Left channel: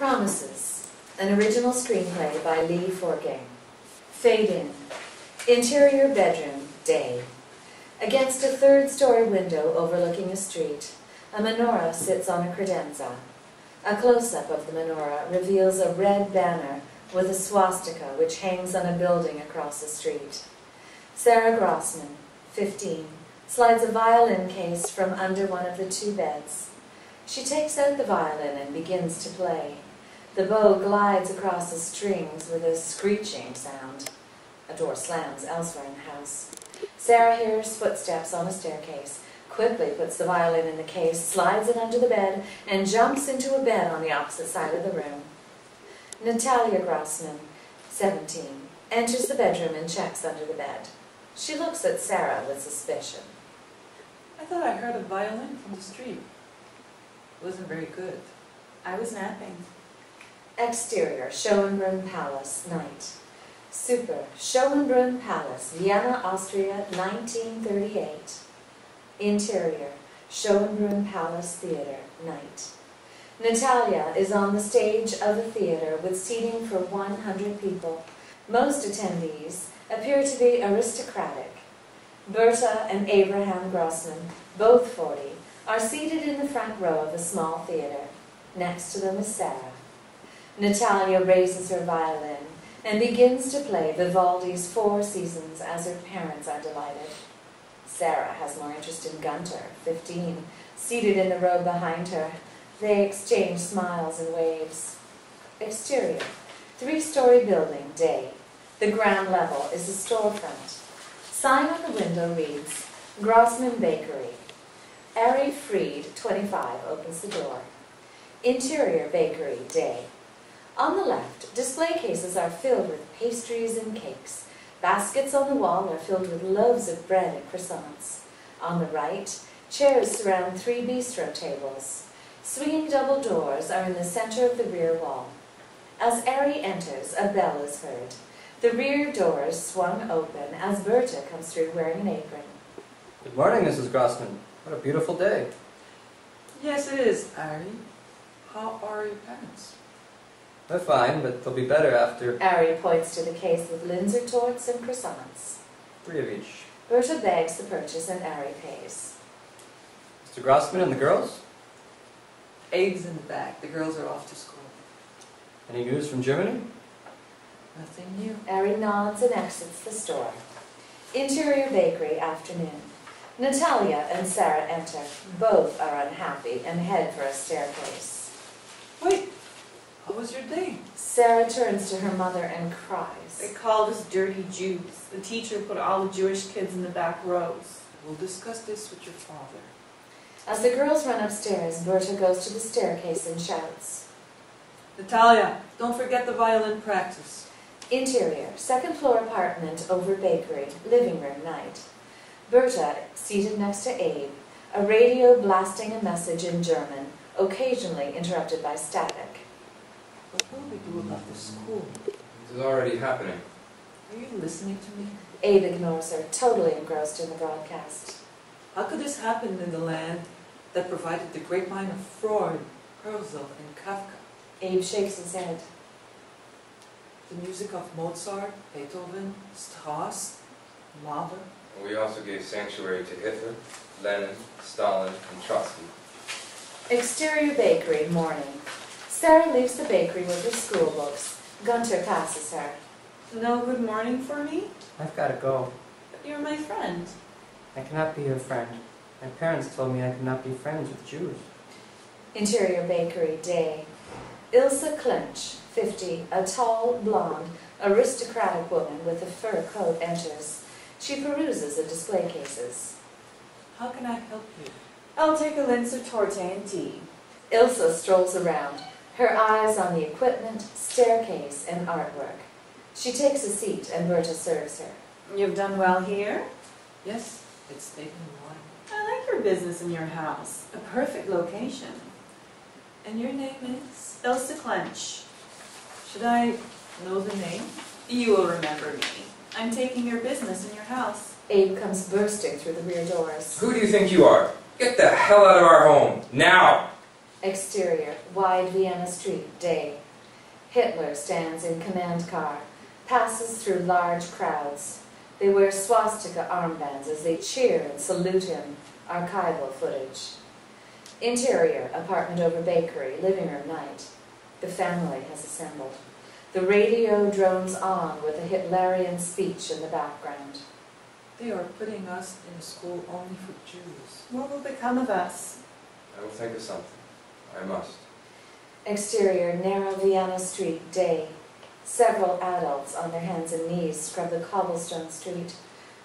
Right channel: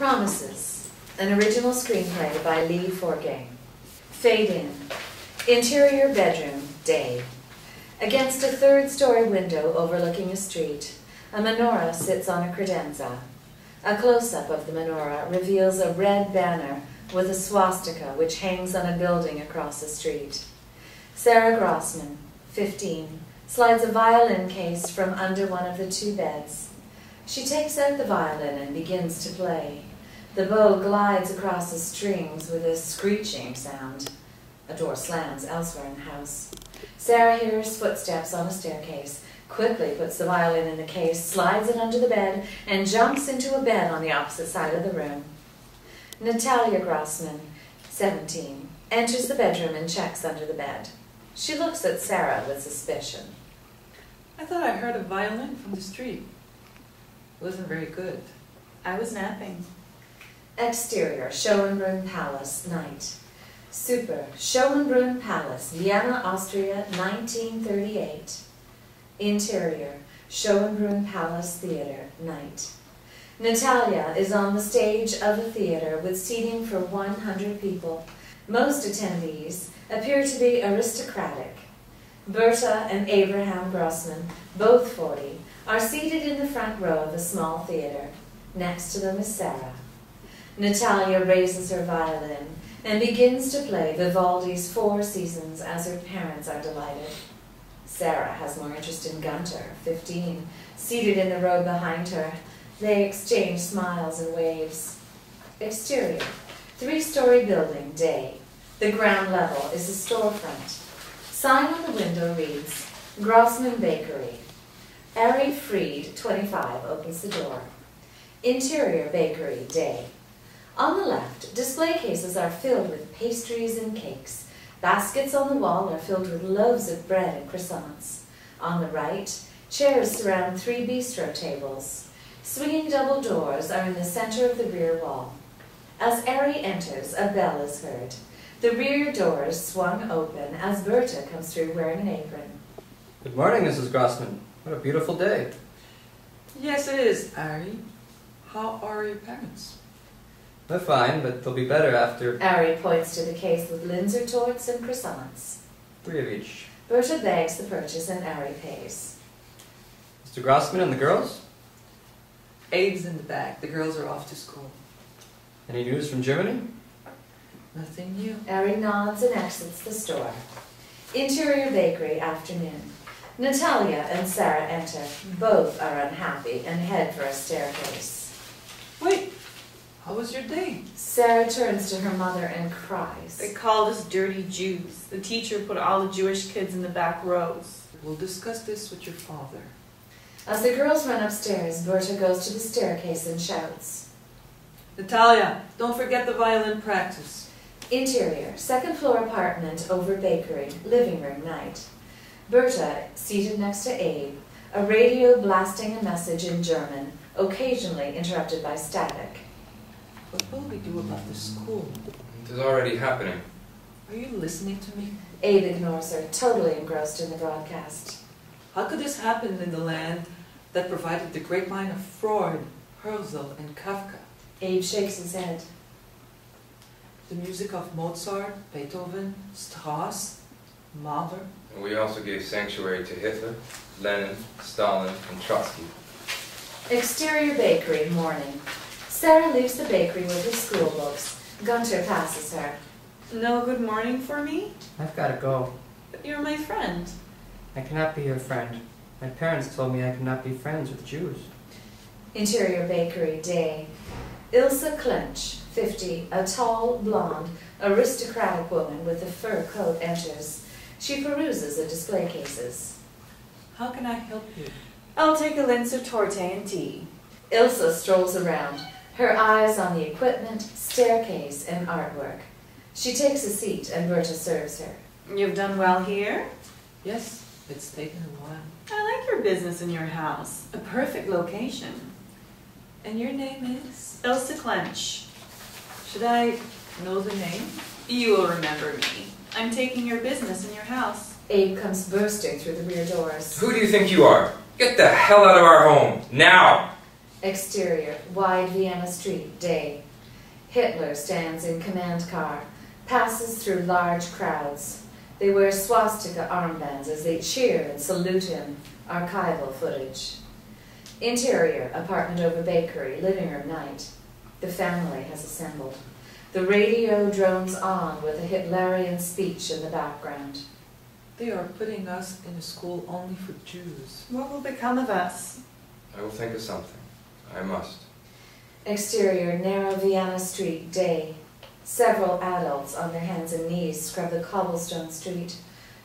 Promises, an original screenplay by Forgang. Fade in. Interior bedroom, day. Against a third-story window overlooking a street, a menorah sits on a credenza. A close-up of the menorah reveals a red banner with a swastika which hangs on a building across the street. Sarah Grossman, 15, slides a violin case from under one of the two beds. She takes out the violin and begins to play. The bow glides across the strings with a screeching sound. A door slams elsewhere in the house. Sarah hears footsteps on a staircase, quickly puts the violin in the case, slides it under the bed, and jumps into a bed on the opposite side of the room. Natalia Grossman, 17, enters the bedroom and checks under the bed. She looks at Sarah with suspicion. I thought I heard a violin from the street. It wasn't very good. I was napping. Exterior, Schönbrunn Palace, night. Super, Schönbrunn Palace, Vienna, Austria, 1938. Interior, Schönbrunn Palace Theater, night. Natalia is on the stage of a theater with seating for 100 people. Most attendees appear to be aristocratic. Berta and Abraham Grossman, both 40, are seated in the front row of a small theater. Next to them is Sarah. Natalia raises her violin and begins to play Vivaldi's Four Seasons as her parents are delighted. Sarah has more interest in Gunter, 15, seated in the row behind her. They exchange smiles and waves. Exterior, three-story building, day. The ground level is a storefront. Sign on the window reads, Grossman Bakery. Ari Fried, 25, opens the door. Interior bakery, day. On the left, display cases are filled with pastries and cakes. Baskets on the wall are filled with loaves of bread and croissants. On the right, chairs surround 3 bistro tables. Swinging double doors are in the center of the rear wall. As Ari enters, a bell is heard. The rear doors swung open as Berta comes through wearing an apron. Good morning, Mrs. Grossman. What a beautiful day. Yes, it is, Ari. How are your parents? They're fine, but they'll be better after... Ari points to the case with Linzer torts and croissants. 3 of each. Berta bags the purchase and Ari pays. Mr. Grossman and the girls? Abe's in the back. The girls are off to school. Any news from Germany? Nothing new. Ari nods and exits the store. Interior bakery, afternoon. Natalia and Sarah enter. Both are unhappy and head for a staircase. Wait, how was your day? Sarah turns to her mother and cries. They called us dirty Jews. The teacher put all the Jewish kids in the back rows. We'll discuss this with your father. As the girls run upstairs, Berta goes to the staircase and shouts. Natalia, don't forget the violin practice. Interior, second floor apartment over bakery, living room, night. Berta, seated next to Abe, a radio blasting a message in German, occasionally interrupted by static. What will we do about the school? It is already happening. Are you listening to me? Abe ignores her, totally engrossed in the broadcast. How could this happen in the land that provided the great mind of Freud, Herzl, and Kafka? Abe shakes his head. The music of Mozart, Beethoven, Strauss, Mahler. We also gave sanctuary to Hitler, Lenin, Stalin, and Trotsky. Exterior bakery, morning. Sarah leaves the bakery with her school books. Gunter passes her. No good morning for me? I've got to go. But you're my friend. I cannot be your friend. My parents told me I could not be friends with Jews. Interior bakery, day. Ilse Clench, 50, a tall, blonde, aristocratic woman with a fur coat enters. She peruses the display cases. How can I help you? I'll take a Linzer torte and tea. Ilse strolls around, her eyes on the equipment, staircase, and artwork. She takes a seat and Berta serves her. You've done well here? Yes, it's taken a while. I like your business in your house. A perfect location. And your name is? Ilse Clench. Should I know the name? You will remember me. I'm taking your business in your house. Abe comes bursting through the rear doors. Who do you think you are? Get the hell out of our home, now! Exterior, wide Vienna street, day. Hitler stands in command car, passes through large crowds. They wear swastika armbands as they cheer and salute him. Archival footage. Interior, apartment over bakery, living room night. The family has assembled. The radio drones on with a Hitlerian speech in the background. They are putting us in a school only for Jews. What will become of us? I will think of something. I must. Exterior, narrow Vienna street, day. Several adults on their hands and knees scrub the cobblestone street.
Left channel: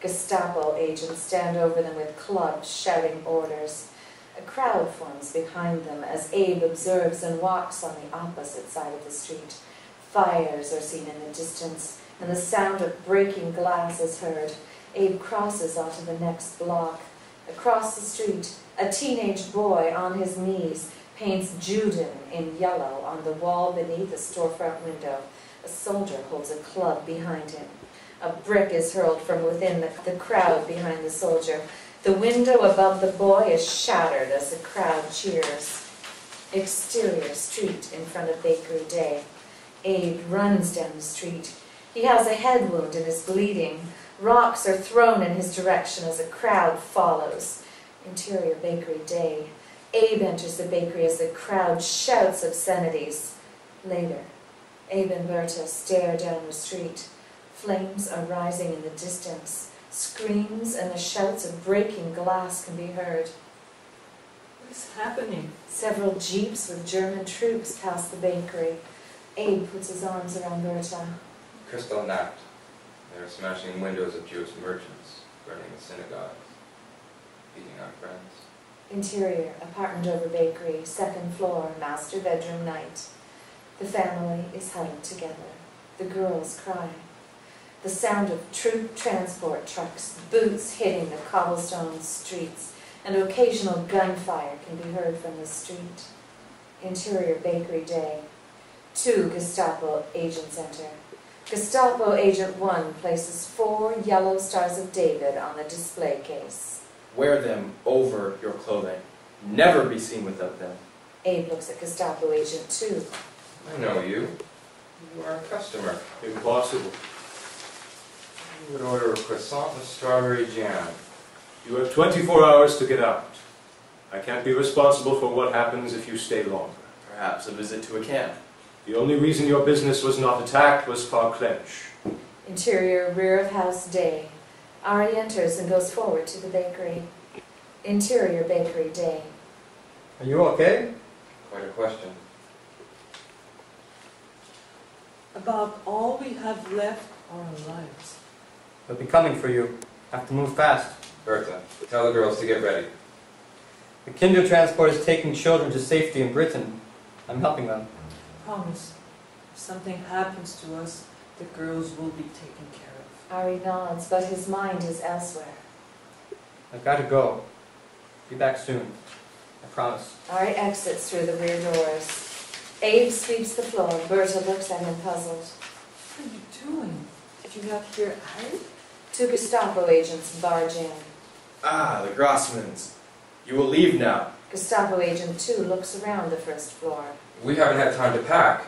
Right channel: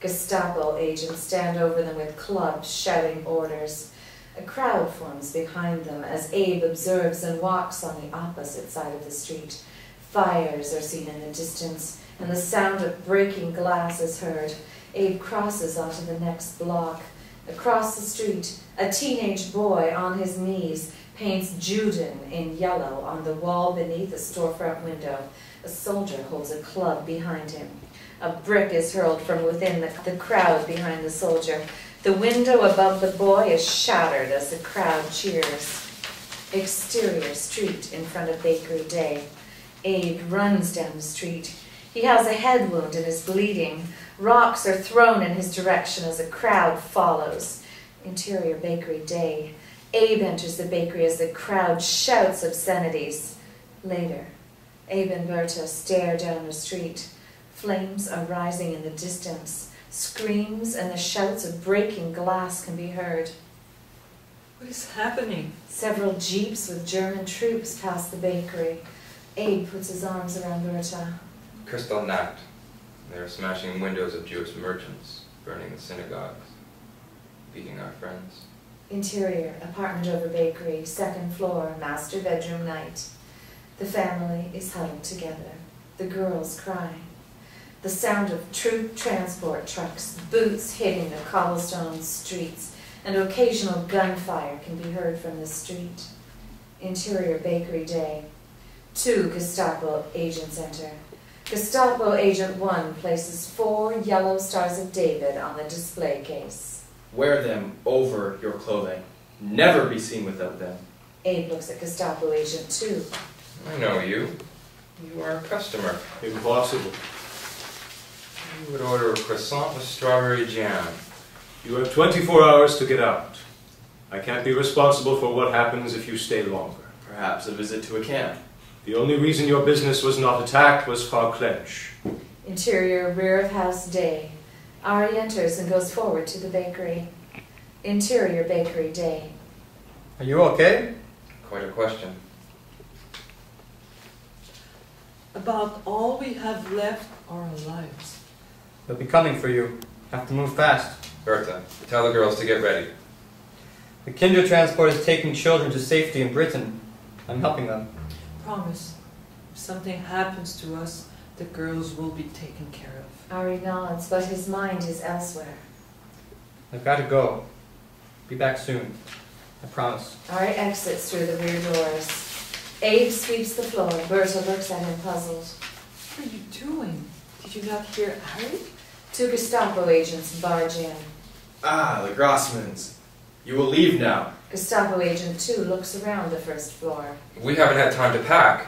Gestapo agents stand over them with clubs, shouting orders. A crowd forms behind them as Abe observes and walks on the opposite side of the street. Fires are seen in the distance, and the sound of breaking glass is heard. Abe crosses onto the next block. Across the street, a teenage boy on his knees paints Juden in yellow on the wall beneath a storefront window. A soldier holds a club behind him. A brick is hurled from within the crowd behind the soldier. The window above the boy is shattered as the crowd cheers. Exterior, street in front of bakery, day. Abe runs down the street. He has a head wound and is bleeding. Rocks are thrown in his direction as a crowd follows. Interior, bakery, day. Abe enters the bakery as the crowd shouts obscenities. Later, Abe and Berta stare down the street. Flames are rising in the distance. Screams and the shouts of breaking glass can be heard. What is happening? Several jeeps with German troops pass the bakery. Abe puts his arms around Berta. Kristallnacht. They are smashing windows of Jewish merchants, burning the synagogues, beating our friends. Interior, apartment over bakery, second floor, master bedroom night. The family is huddled together. The girls cry. The sound of troop transport trucks, boots hitting the cobblestone streets, and occasional gunfire can be heard from the street. Interior, bakery, day. 2 Gestapo agents enter. Gestapo Agent 1 places 4 yellow stars of David on the display case. Wear them over your clothing. Never be seen without them. Abe looks at Gestapo Agent 2. I know you. You are a customer. Impossible. You would order a croissant with strawberry jam. You have 24 hours to get out. I can't be responsible for what happens if you stay longer. Perhaps a visit to a camp. The only reason your business was not attacked was Farclench. Interior, rear of house, day. Ari enters and goes forward to the bakery. Interior, bakery, day. Are you okay? Quite a question. About all we have left are our lives. They'll be coming for you. Have to move fast. Berta, tell the girls to get ready. The Kinder transport is taking children to safety in Britain. I'm helping them. Promise, if something happens to us, the girls will be taken care of. Ari nods, but his mind is elsewhere. I've got to go. Be back soon. I promise. Ari exits through the rear doors. Abe sweeps the floor. Berta looks at him puzzled. What are you doing? Did you not hear Ari? 2 Gestapo agents barge in. Ah, the Grossmans. You will leave now. Gestapo Agent 2 looks around the first floor. We haven't had time to pack.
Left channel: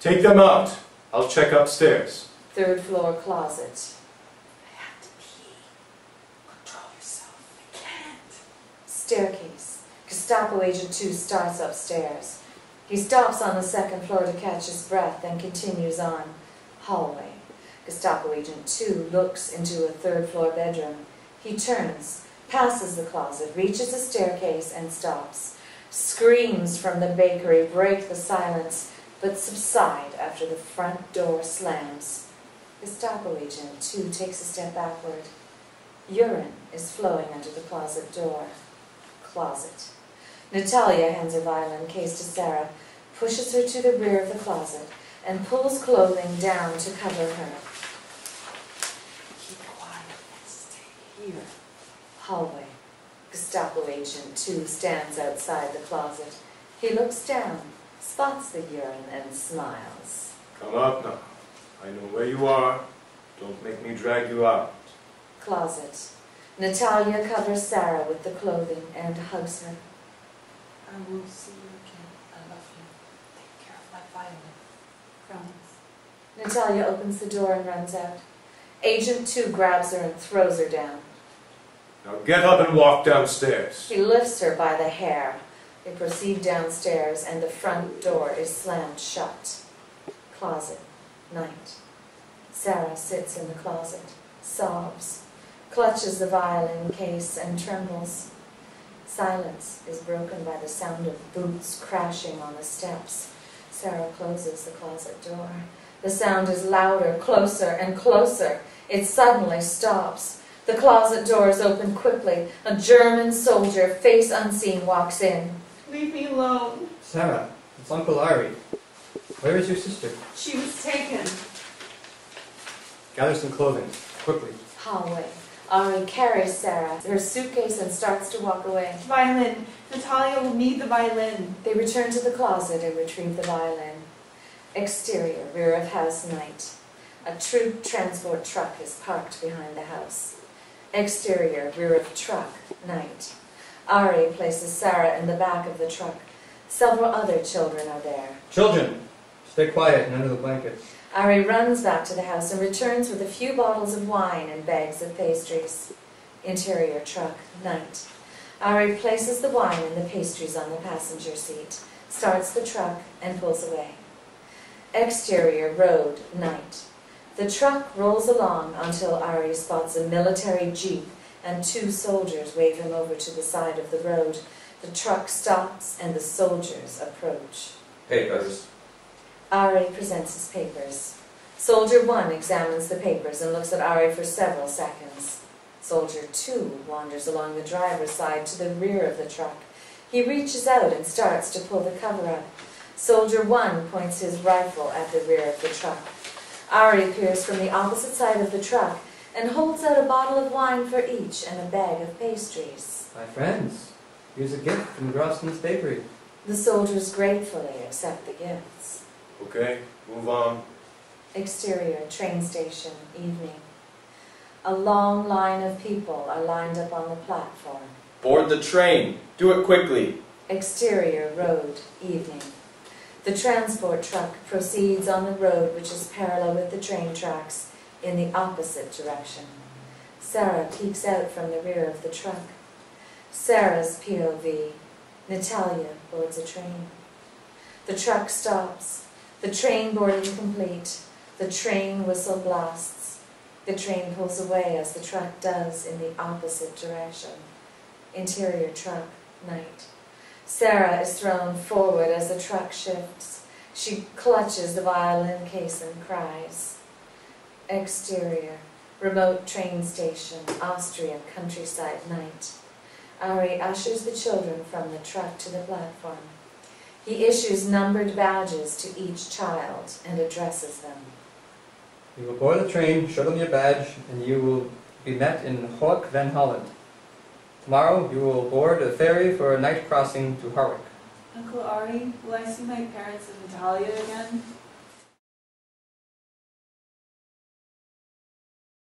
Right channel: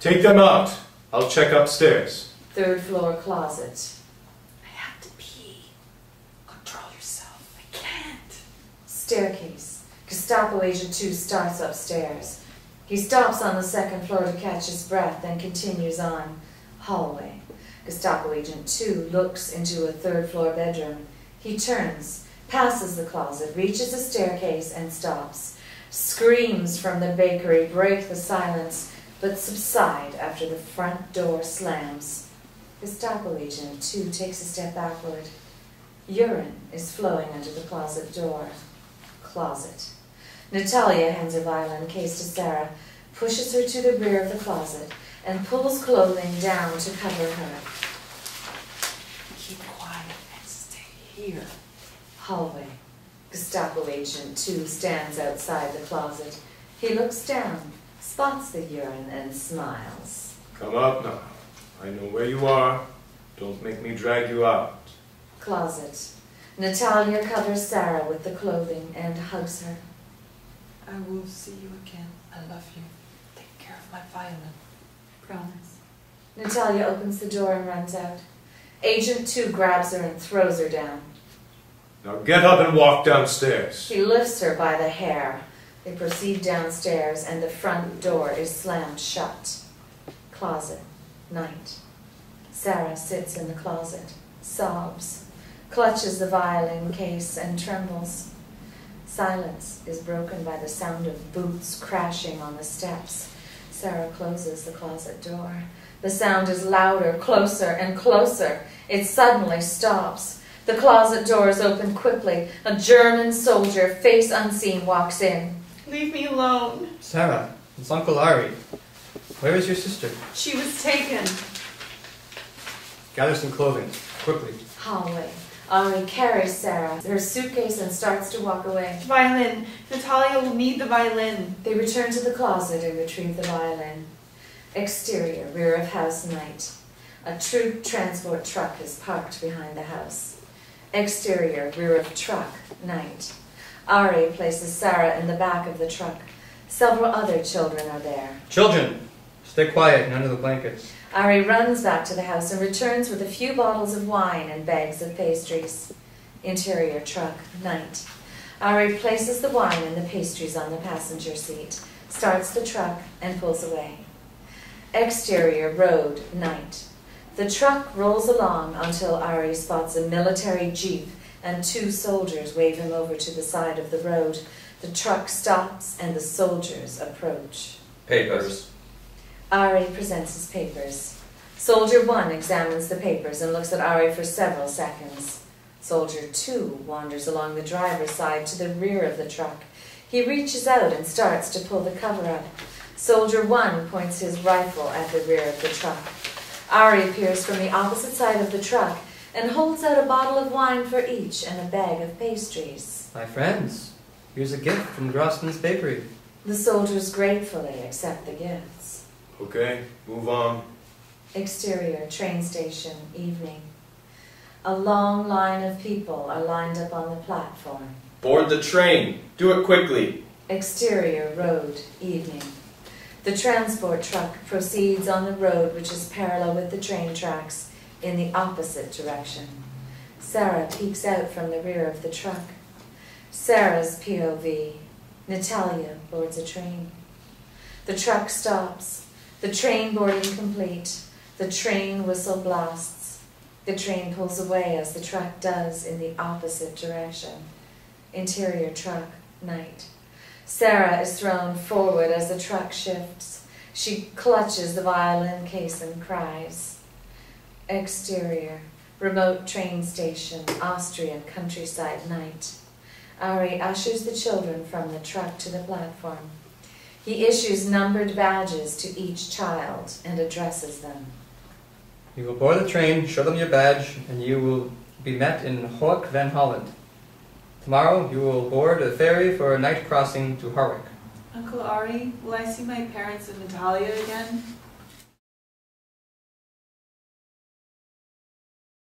Take them out. I'll check upstairs. 3rd floor closet. I have to pee. Control yourself. I can't. Staircase. Gestapo Agent 2 starts upstairs. He stops on the 2nd floor to catch his breath, then continues on. Hallway. Gestapo Agent 2 looks into a 3rd floor bedroom. He turns, passes the closet, reaches a staircase, and stops. Screams from the bakery break the silence, but subside after the front door slams. Gestapo Agent 2 takes a step backward. Urine is flowing under the closet door. Closet. Natalia hands her violin case to Sarah, pushes her to the rear of the closet, and pulls clothing down to cover her. Keep quiet and stay here. Hallway. Gestapo Agent 2 stands outside the closet. He looks down, spots the urine, and smiles. Come out now. I know where you are. Don't make me drag you out. Closet. Natalia covers Sarah with the clothing and hugs her. I will see you again. I love you. Take care of my violin. Promise. Natalia opens the door and runs out. Agent 2 grabs her and throws her down. Now get up and walk downstairs. He lifts her by the hair. They proceed downstairs and the front door is slammed shut. Closet. Night. Sarah sits in the closet, sobs, clutches the violin case and trembles. Silence is broken by the sound of boots crashing on the steps. Sarah closes the closet door. The sound is louder, closer and closer. It suddenly stops. The closet doors open quickly. A German soldier, face unseen, walks in. Leave me alone. Sarah, it's Uncle Ari. Where is your sister? She was taken. Gather some clothing, quickly. Hallway. Ari carries Sarah, her suitcase, and starts to walk away. Violin. Natalia will need the violin. They return to the closet and retrieve the violin. Exterior, rear of house, night. A troop transport truck is parked behind the house. Exterior, rear of truck, night. Ari places Sarah in the back of the truck. Several other children are there. Children, stay quiet and under the blankets. Ari runs back to the house and returns with a few bottles of wine and bags of pastries. Interior truck, night. Ari places the wine and the pastries on the passenger seat, starts the truck, and pulls away. Exterior road, night. The truck rolls along until Ari spots a military jeep and 2 soldiers wave him over to the side of the road. The truck stops and the soldiers approach. Papers. Ari presents his papers. Soldier 1 examines the papers and looks at Ari for several seconds. Soldier 2 wanders along the driver's side to the rear of the truck. He reaches out and starts to pull the cover up. Soldier 1 points his rifle at the rear of the truck. Ari appears from the opposite side of the truck and holds out a bottle of wine for each and a bag of pastries. My friends, here's a gift from Grossman's Bakery. The soldiers gratefully accept the gifts. Okay, move on. Exterior, train station, evening. A long line of people are lined up on the platform. Board the train. Do it quickly. Exterior, road, evening. The transport truck proceeds on the road which is parallel with the train tracks in the opposite direction. Sarah peeks out from the rear of the truck. Sarah's POV. Natalia boards a train. The truck stops. The train boarding complete. The train whistle blasts. The train pulls away as the truck does in the opposite direction. Interior truck, night. Sarah is thrown forward as the truck shifts. She clutches the violin case and cries. Exterior, remote train station, Austrian countryside, night. Ari ushers the children from the truck to the platform. He issues numbered badges to each child and addresses them. You will board the train, show them your badge, and you will be met in Hoek van Holland. Tomorrow you will board a ferry for a night crossing to Harwich. Uncle Ari, will I see my parents and Natalia again?